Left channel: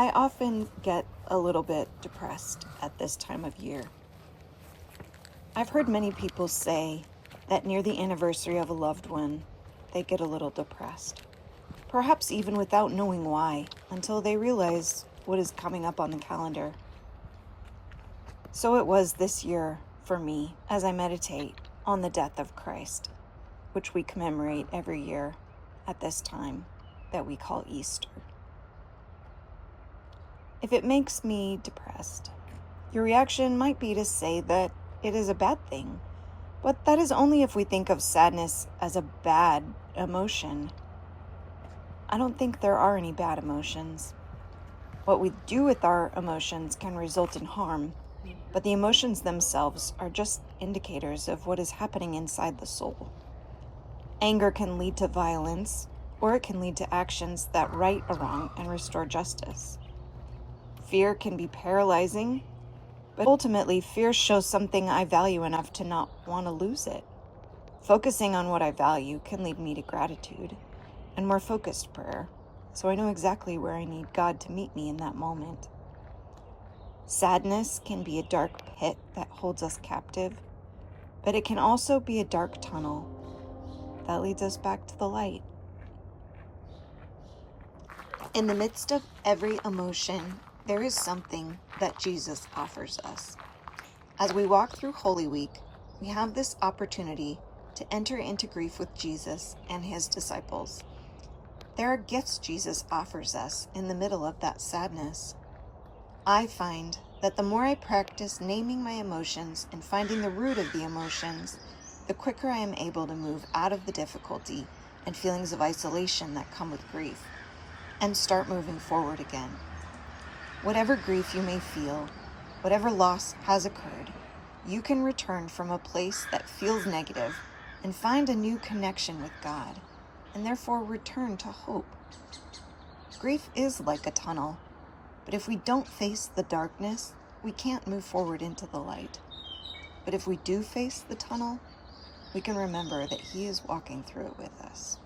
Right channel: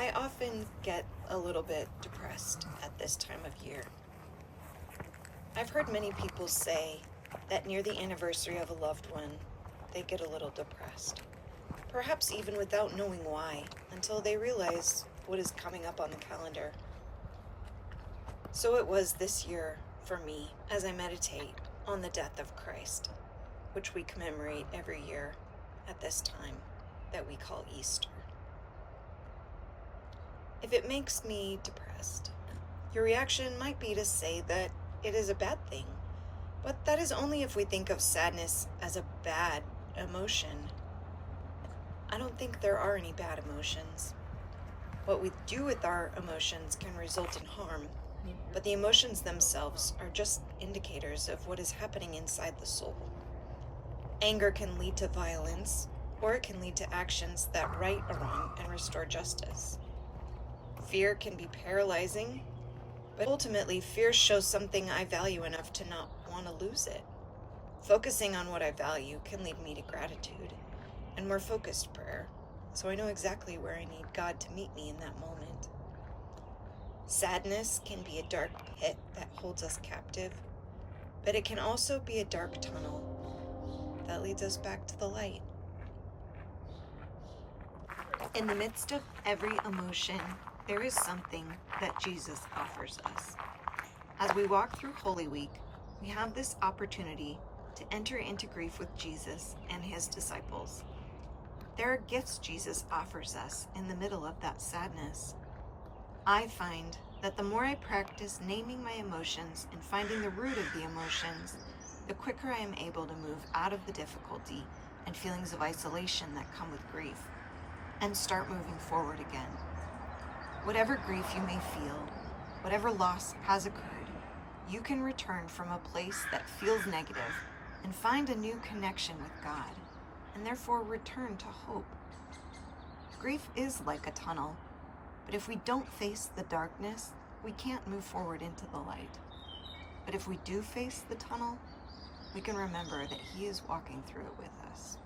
I often get a little bit depressed at this time of year. I've heard many people say that near the anniversary of a loved one, they get a little depressed, perhaps even without knowing why, until they realize what is coming up on the calendar. So it was this year for me as I meditate on the death of Christ, which we commemorate every year at this time that we call Easter. If it makes me depressed, your reaction might be to say that it is a bad thing, but that is only if we think of sadness as a bad emotion. I don't think there are any bad emotions. What we do with our emotions can result in harm, but the emotions themselves are just indicators of what is happening inside the soul. Anger can lead to violence, or it can lead to actions that right a wrong and restore justice. Fear can be paralyzing, but ultimately fear shows something I value enough to not want to lose it. Focusing on what I value can lead me to gratitude and more focused prayer, so I know exactly where I need God to meet me in that moment. Sadness can be a dark pit that holds us captive, but it can also be a dark tunnel that leads us back to the light. In the midst of every emotion, there is something that Jesus offers us. As we walk through Holy Week, we have this opportunity to enter into grief with Jesus and his disciples. There are gifts Jesus offers us in the middle of that sadness. I find that the more I practice naming my emotions and finding the root of the emotions, the quicker I am able to move out of the difficulty and feelings of isolation that come with grief, and start moving forward again. Whatever grief you may feel, whatever loss has occurred, you can return from a place that feels negative and find a new connection with God, and therefore return to hope. Grief is like a tunnel, but if we don't face the darkness, we can't move forward into the light. But if we do face the tunnel, we can remember that He is walking through it with us.